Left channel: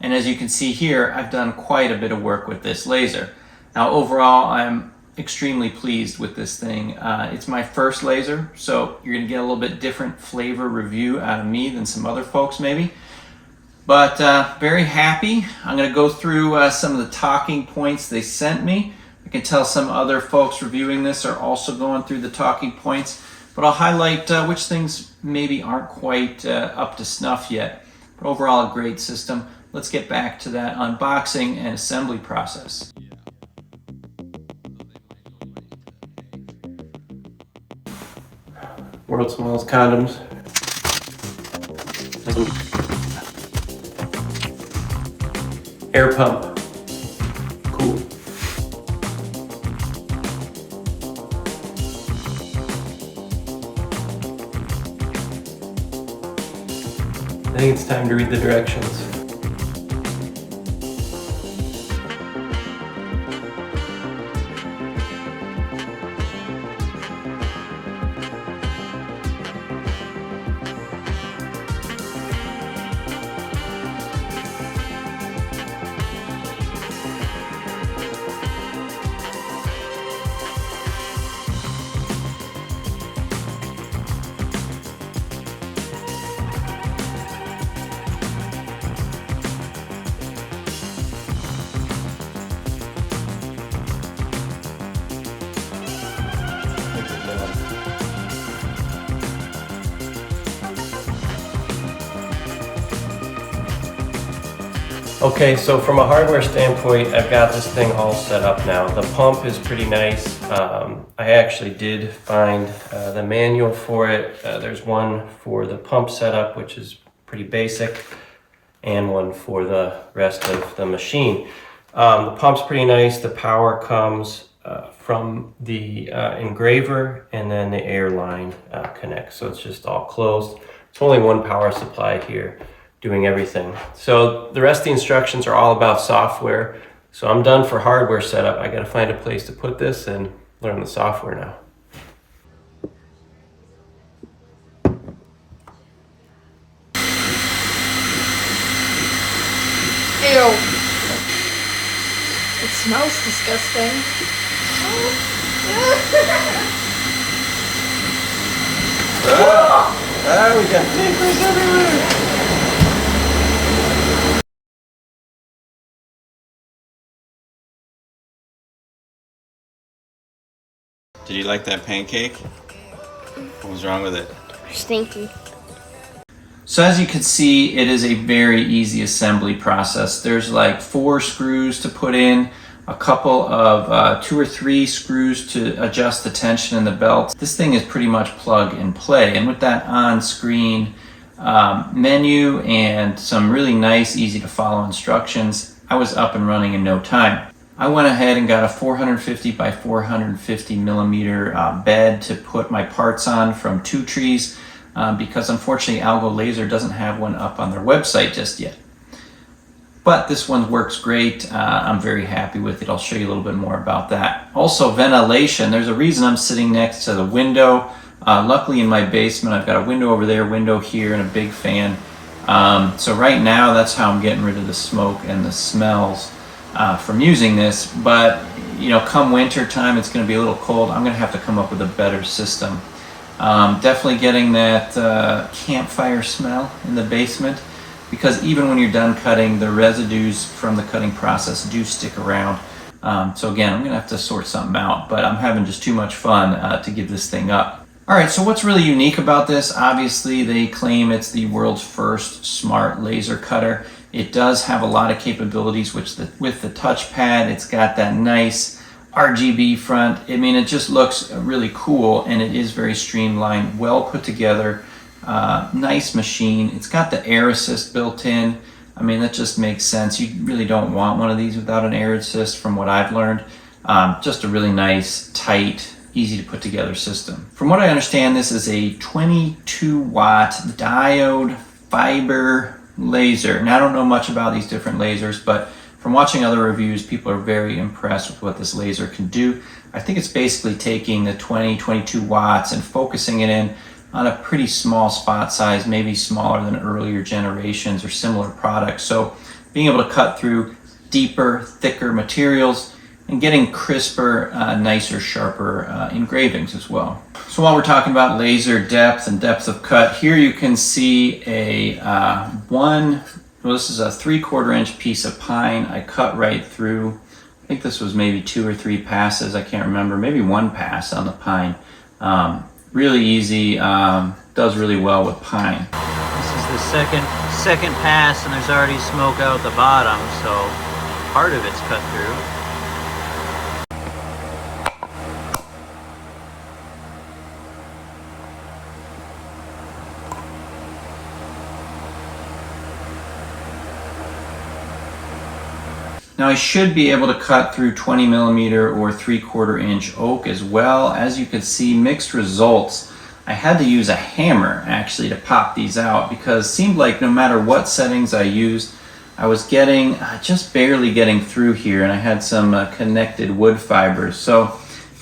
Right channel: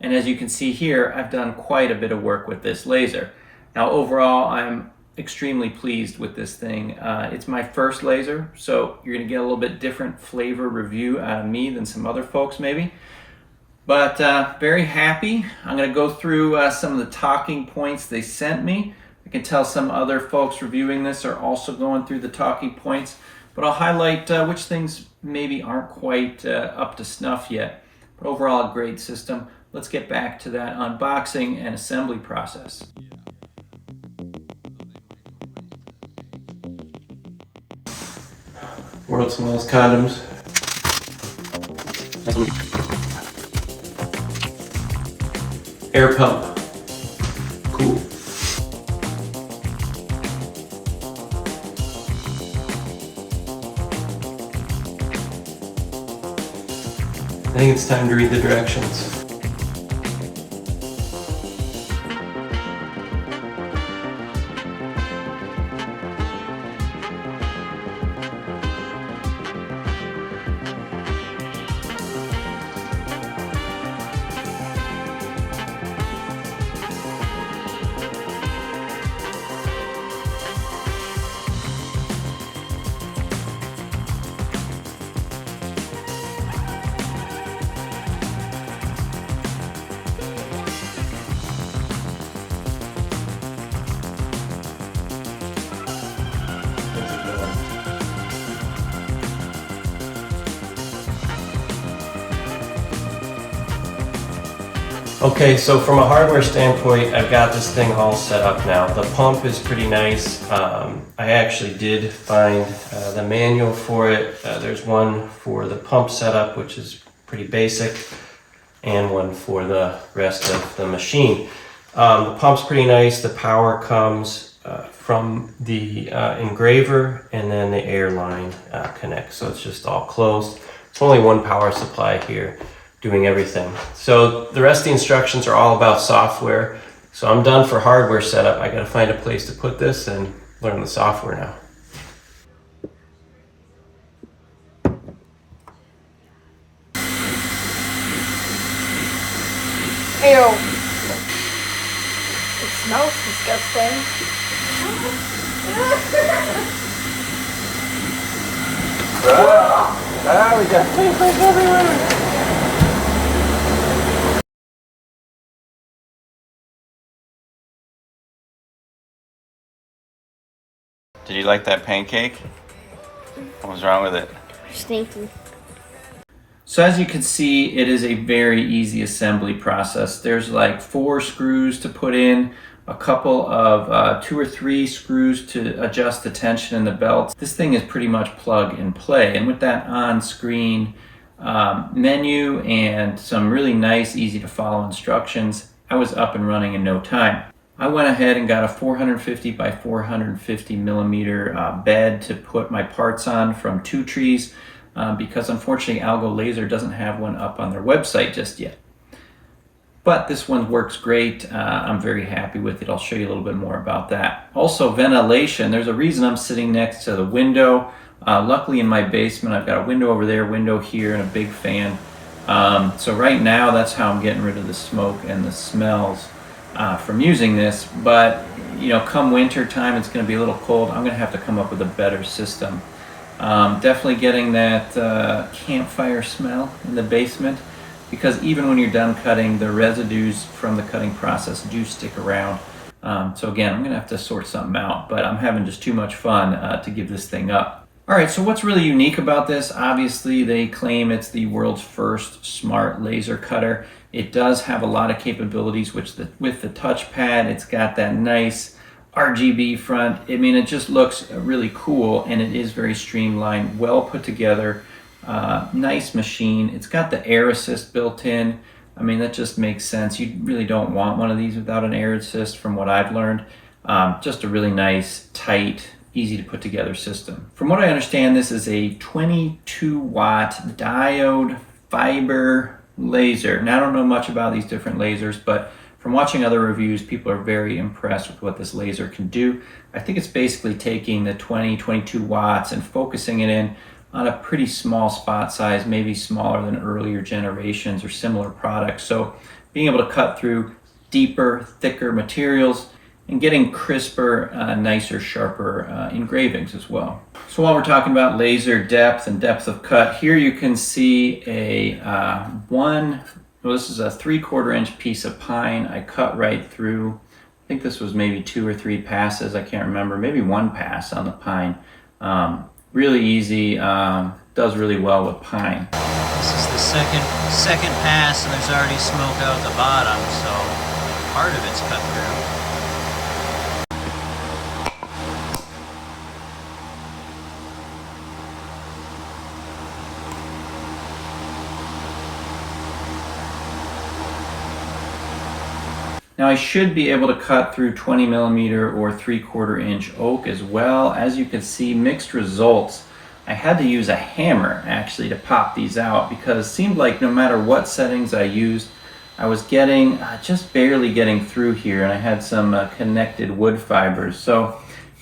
And as you can see here, I've done quite a bit of work with this laser. Now overall, I'm extremely pleased with this thing. It's my first laser, so you're gonna get a little bit different flavor review out of me than some other folks maybe. But very happy. I'm gonna go through some of the talking points they sent me. I can tell some other folks reviewing this are also going through the talking points, but I'll highlight which things maybe aren't quite up to snuff yet. But overall, a great system. Let's get back to that unboxing and assembly process. World smallest condoms. Air pump. Cool. I think it's time to read the directions. Okay, so from a hardware standpoint, I've got this thing all set up now. The pump is pretty nice. I actually did find the manual for it. There's one for the pump setup, which is pretty basic, and one for the rest of the machine. The pump's pretty nice. The power comes from the engraver, and then the air line connects, so it's just all closed. It's only one power supply here doing everything. So the rest of the instructions are all about software. So I'm done for hardware setup. I got to find a place to put this and learn the software now. Ew. It smells disgusting. We got papers everywhere. Did you like that pancake? What was wrong with it? Stinky. So as you can see, it is a very easy assembly process. There's like 4 screws to put in, a couple of 2 or 3 screws to adjust the tension in the belt. This thing is pretty much plug and play. And with that on-screen menu and some really nice, easy to follow instructions, I was up and running in no time. I went ahead and got a 450 by 450 millimeter bed to put my parts on from 2 Trees because unfortunately Algo Laser doesn't have one up on their website just yet. But this one works great. I'm very happy with it. I'll show you a little bit more about that. Also, ventilation. There's a reason I'm sitting next to the window. Luckily in my basement, I've got a window over there, window here, and a big fan. So right now, that's how I'm getting rid of the smoke and the smells from using this. But you know, come winter time, it's going to be a little cold. I'm going to have to come up with a better system. Definitely getting that campfire smell in the basement, because even when you're done cutting, the residues from the cutting process do stick around. So again, I'm going to have to sort something out, but I'm having just too much fun to give this thing up. All right, so what's really unique about this? Obviously, they claim it's the world's first smart laser cutter. It does have a lot of capabilities, which with the touchpad, it's got that nice RGB front. I mean, it just looks really cool, and it is very streamlined, well put together, nice machine. It's got the air assist built in. I mean, that just makes sense. You really don't want one of these without an air assist from what I've learned. Just a really nice, tight, easy to put together system. From what I understand, this is a 22 watt diode fiber laser. And I don't know much about these different lasers, but from watching other reviews, people are very impressed with what this laser can do. I think it's basically taking the 22 watts and focusing it in on a pretty small spot size, maybe smaller than earlier generations or similar products. So being able to cut through deeper, thicker materials and getting crisper, nicer, sharper engravings as well. So while we're talking about laser depth and depth of cut, here you can see this is a 3/4 inch piece of pine. I cut right through. I think this was maybe 2 or 3 passes. I can't remember. Maybe 1 pass on the pine. Really easy. Does really well with pine. This is the second pass, and there's already smoke out the bottom, so part of it's cut through. Now I should be able to cut through 20 millimeter or 3/4 inch oak as well. As you can see, mixed results. I had to use a hammer actually to pop these out because it seemed like no matter what settings I used, I was getting just barely getting through here, and I had some connected wood fibers. So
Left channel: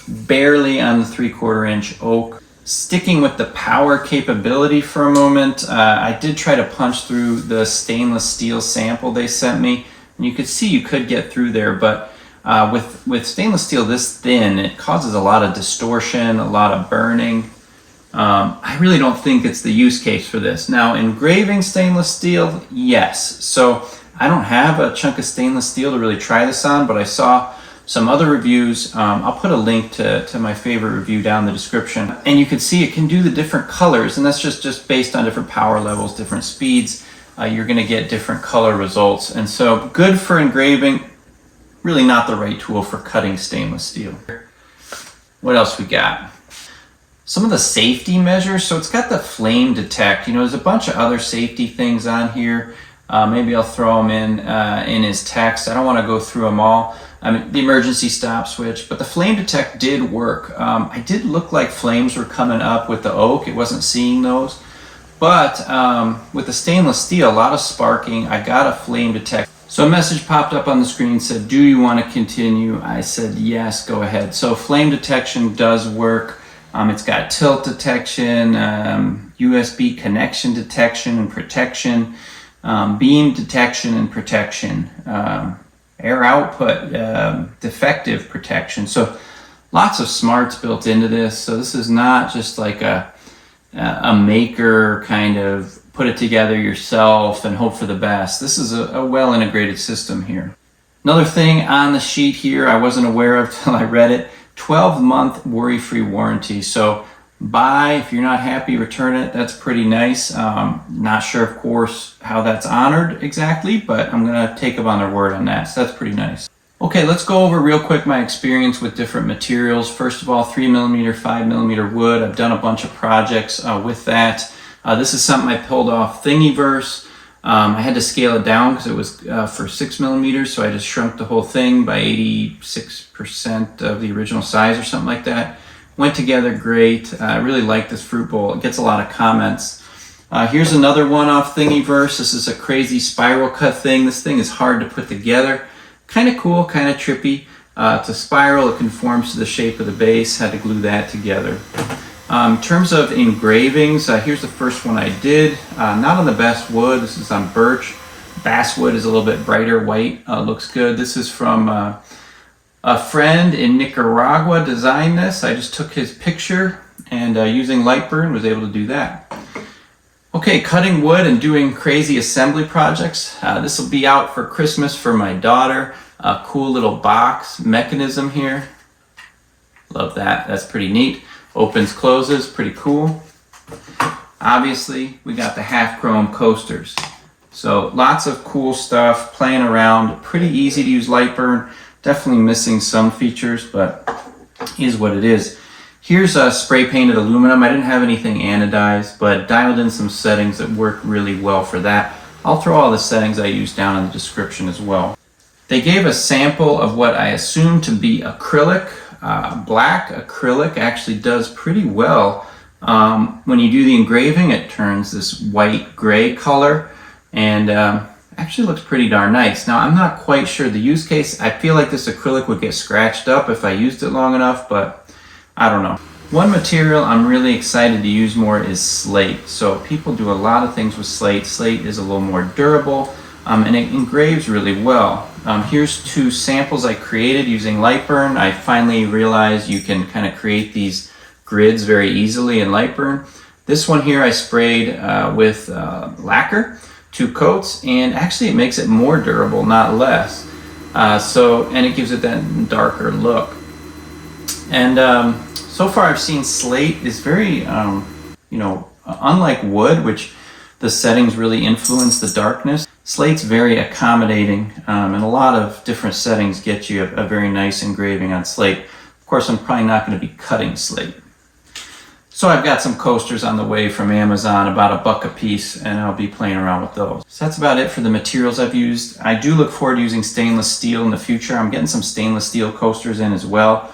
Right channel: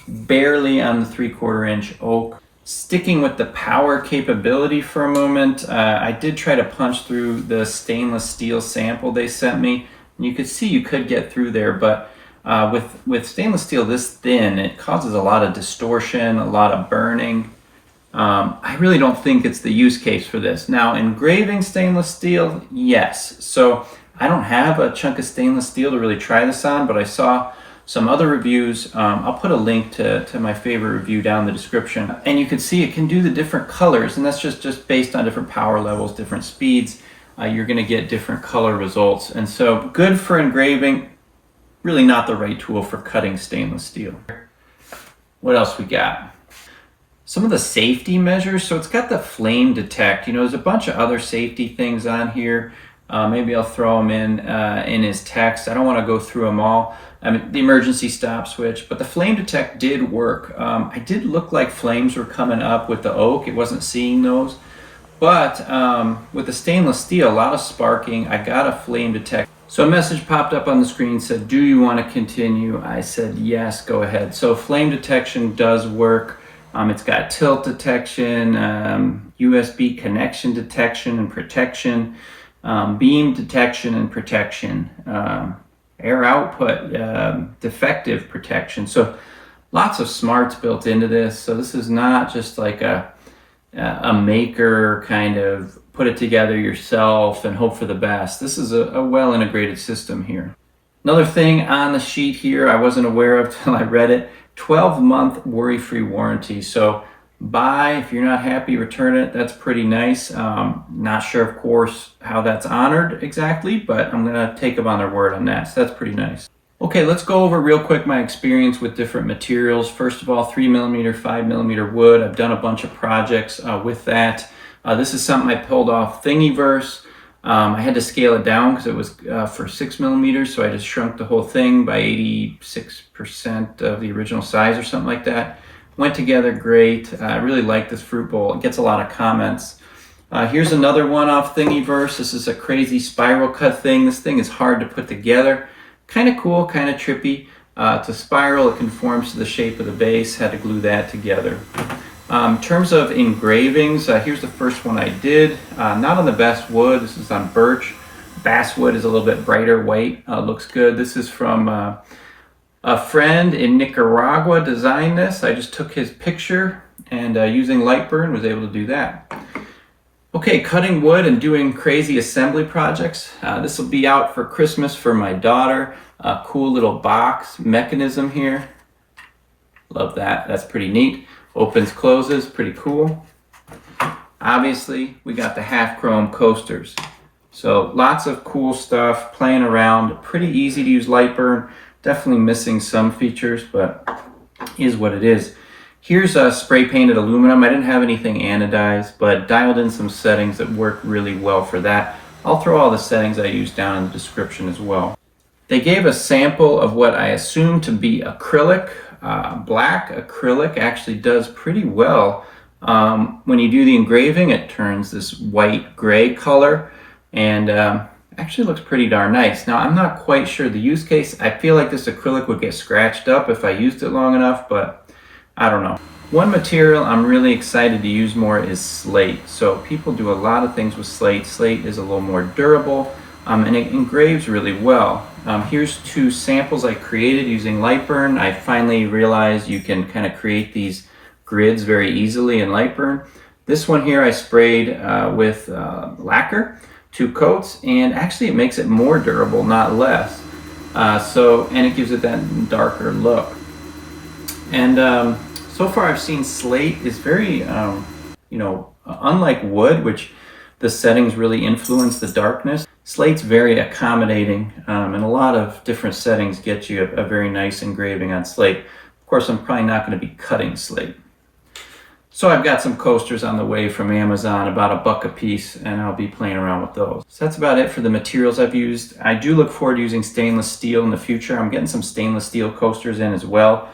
barely on the 3/4 inch oak. Sticking with the power capability for a moment, I did try to punch through the stainless steel sample they sent me. And you could see you could get through there, but with stainless steel this thin, it causes a lot of distortion, a lot of burning. I really don't think it's the use case for this. Now, engraving stainless steel, yes. So I don't have a chunk of stainless steel to really try this on, but I saw some other reviews. I'll put a link to my favorite review down in the description. And you can see it can do the different colors, and that's just based on different power levels, different speeds. You're going to get different color results. And so good for engraving, really not the right tool for cutting stainless steel. What else we got? Some of the safety measures. So it's got the flame detect. You know, there's a bunch of other safety things on here. Maybe I'll throw them in his text. I don't want to go through them all. The emergency stop switch, but the flame detect did work. I did look like flames were coming up with the oak. It wasn't seeing those. But with the stainless steel, a lot of sparking. I got a flame detect. So a message popped up on the screen and said, do you want to continue? I said, yes, go ahead. So flame detection does work. It's got tilt detection, USB connection detection and protection, beam detection and protection, air output, defective protection. So lots of smarts built into this. So this is not just like a maker kind of put it together yourself and hope for the best. This is a well integrated system here. Another thing on the sheet here I wasn't aware of till I read it, 12-month worry-free warranty. So buy, if you're not happy, return it. That's pretty nice. Not sure, of course, how that's honored exactly, but I'm gonna take them on their word on that. So that's pretty nice. Okay, let's go over real quick my experience with different materials. First of all, 3mm, 5mm wood. I've done a bunch of projects with that. This is something I pulled off Thingiverse. I had to scale it down because it was for 6mm, so I just shrunk the whole thing by 86% of the original size or something like that. Went together great. I really like this fruit bowl. It gets a lot of comments. Here's another one off Thingiverse. This is a crazy spiral cut thing. This thing is hard to put together. Kind of cool, kind of trippy. It's a spiral, it conforms to the shape of the base. Had to glue that together. In terms of engravings, here's the first one I did. Not on the Basswood, this is on Birch. Basswood is a little bit brighter white, looks good. This is from a friend in Nicaragua designed this. I just took his picture and using Lightburn was able to do that. Okay, cutting wood and doing crazy assembly projects. This will be out for Christmas for my daughter. A cool little box mechanism here. Love that, that's pretty neat. Opens, closes, pretty cool. Obviously, we got the half chrome coasters. So lots of cool stuff, playing around, pretty easy to use Lightburn. Definitely missing some features, but is what it is. Here's a spray painted aluminum. I didn't have anything anodized, but dialed in some settings that work really well for that. I'll throw all the settings I use down in the description as well. They gave a sample of what I assume to be acrylic. Black acrylic actually does pretty well. When you do the engraving, it turns this white gray color and actually looks pretty darn nice. Now, I'm not quite sure the use case. I feel like this acrylic would get scratched up if I used it long enough, but I don't know. One material I'm really excited to use more is Slate. So people do a lot of things with Slate. Slate is a little more durable, and it engraves really well. Here's 2 samples I created using Lightburn. I finally realized you can kind of create these grids very easily in Lightburn. This one here I sprayed with lacquer, 2 coats, and actually it makes it more durable, not less. And it gives it that darker look. And so far I've seen Slate is very, unlike wood, which the settings really influence the darkness. Slate's very accommodating, and a lot of different settings get you a very nice engraving on slate. Of course, I'm probably not going to be cutting slate. So I've got some coasters on the way from Amazon, about $1 a piece, and I'll be playing around with those. So that's about it for the materials I've used. I do look forward to using stainless steel in the future. I'm getting some stainless steel coasters in as well.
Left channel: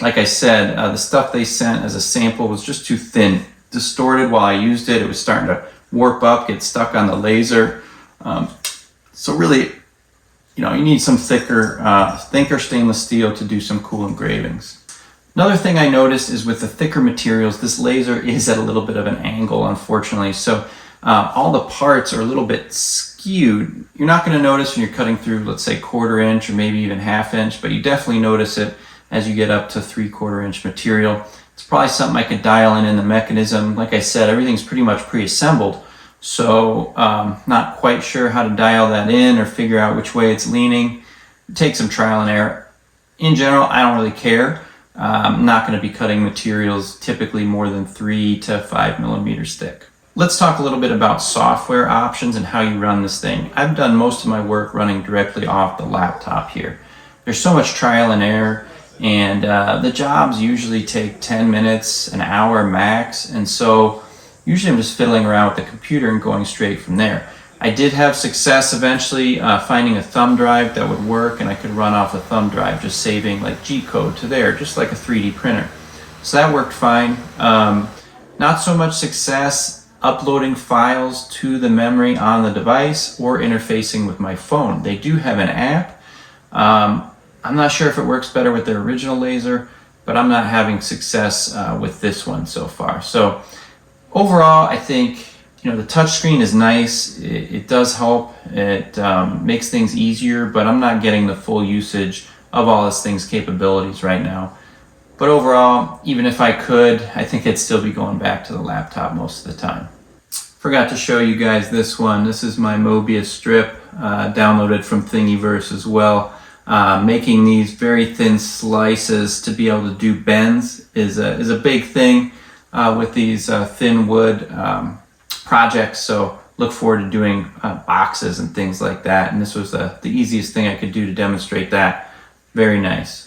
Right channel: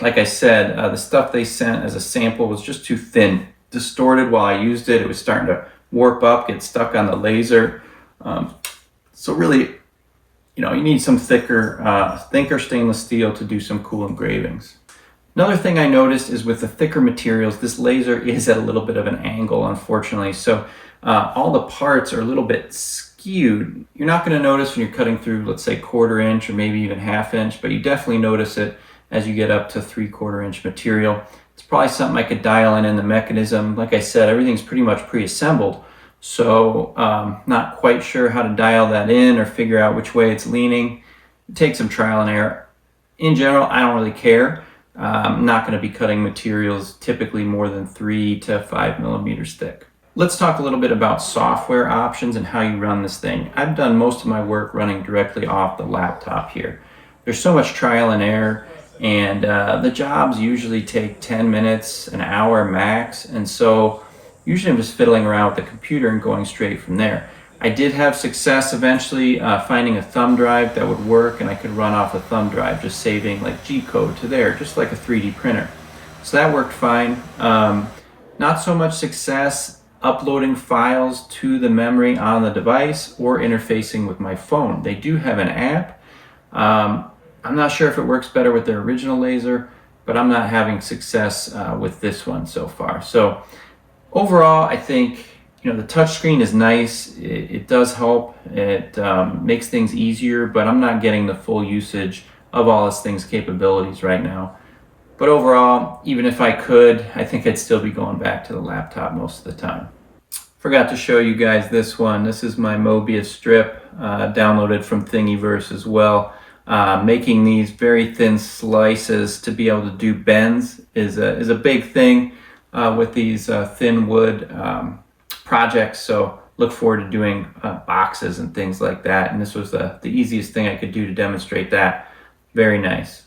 Like I said, the stuff they sent as a sample was just too thin, distorted while I used it. It was starting to warp up, get stuck on the laser. So really, you need some thicker stainless steel to do some cool engravings. Another thing I noticed is with the thicker materials, this laser is at a little bit of an angle, unfortunately. So all the parts are a little bit skewed. You're not going to notice when you're cutting through, let's say 1/4 inch or maybe even 1/2 inch, but you definitely notice it as you get up to 3/4 inch material. It's probably something I could dial in the mechanism. Like I said, everything's pretty much pre-assembled. So not quite sure how to dial that in or figure out which way it's leaning. Take some trial and error. In general, I don't really care. I'm not going to be cutting materials typically more than 3 to 5 millimeters thick. Let's talk a little bit about software options and how you run this thing. I've done most of my work running directly off the laptop here. There's so much trial and error, and the jobs usually take 10 minutes, an hour max, and so usually I'm just fiddling around with the computer and going straight from there. I did have success eventually finding a thumb drive that would work, and I could run off a thumb drive, just saving like G-code to there, just like a 3D printer. So that worked fine. Not so much success uploading files to the memory on the device or interfacing with my phone. They do have an app. I'm not sure if it works better with their original laser, but I'm not having success with this one so far. So overall, I think the touchscreen is nice. It does help. It makes things easier, but I'm not getting the full usage of all this thing's capabilities right now. But overall, even if I could, I think I'd still be going back to the laptop most of the time. Forgot to show you guys this one. This is my Mobius strip, downloaded from Thingiverse as well. Making these very thin slices to be able to do bends is a big thing with these thin wood projects. So look forward to doing boxes and things like that. And this was the easiest thing I could do to demonstrate that. Very nice.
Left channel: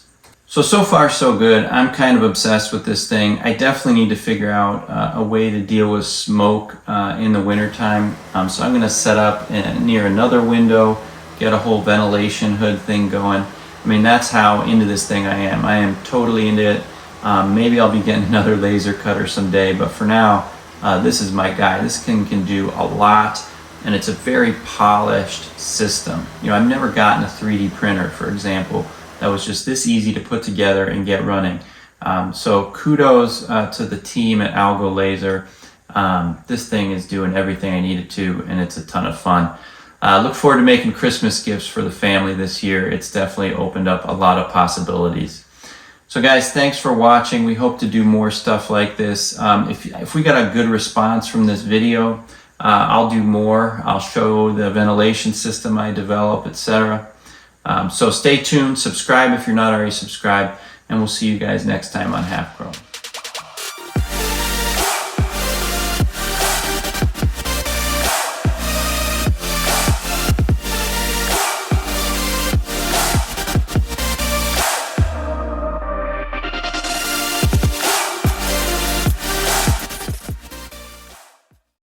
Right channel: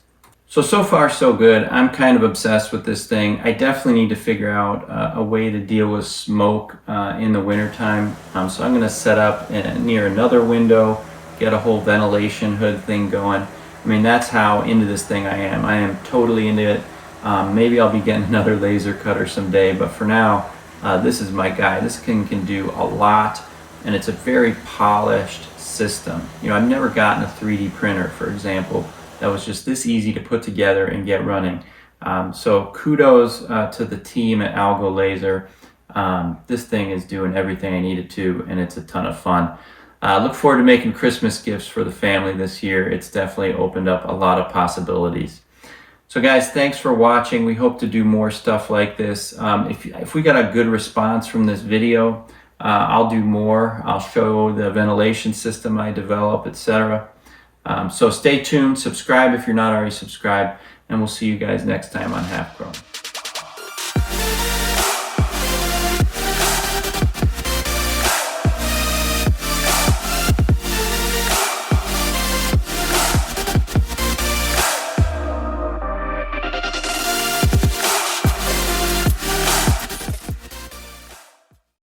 So far so good. I'm kind of obsessed with this thing. I definitely need to figure out a way to deal with smoke in the wintertime. So I'm going to set up near another window, get a whole ventilation hood thing going. I mean, that's how into this thing I am. I am totally into it. Maybe I'll be getting another laser cutter someday, but for now, this is my guy. This thing can do a lot, and it's a very polished system. I've never gotten a 3D printer, for example, that was just this easy to put together and get running. So kudos to the team at Algo Laser. This thing is doing everything I needed to, and it's a ton of fun. Look forward to making Christmas gifts for the family this year. It's definitely opened up a lot of possibilities. So guys, thanks for watching. We hope to do more stuff like this. If we got a good response from this video, I'll do more. I'll show the ventilation system I develop, etc. So stay tuned, subscribe if you're not already subscribed, and we'll see you guys next time on Half Crow.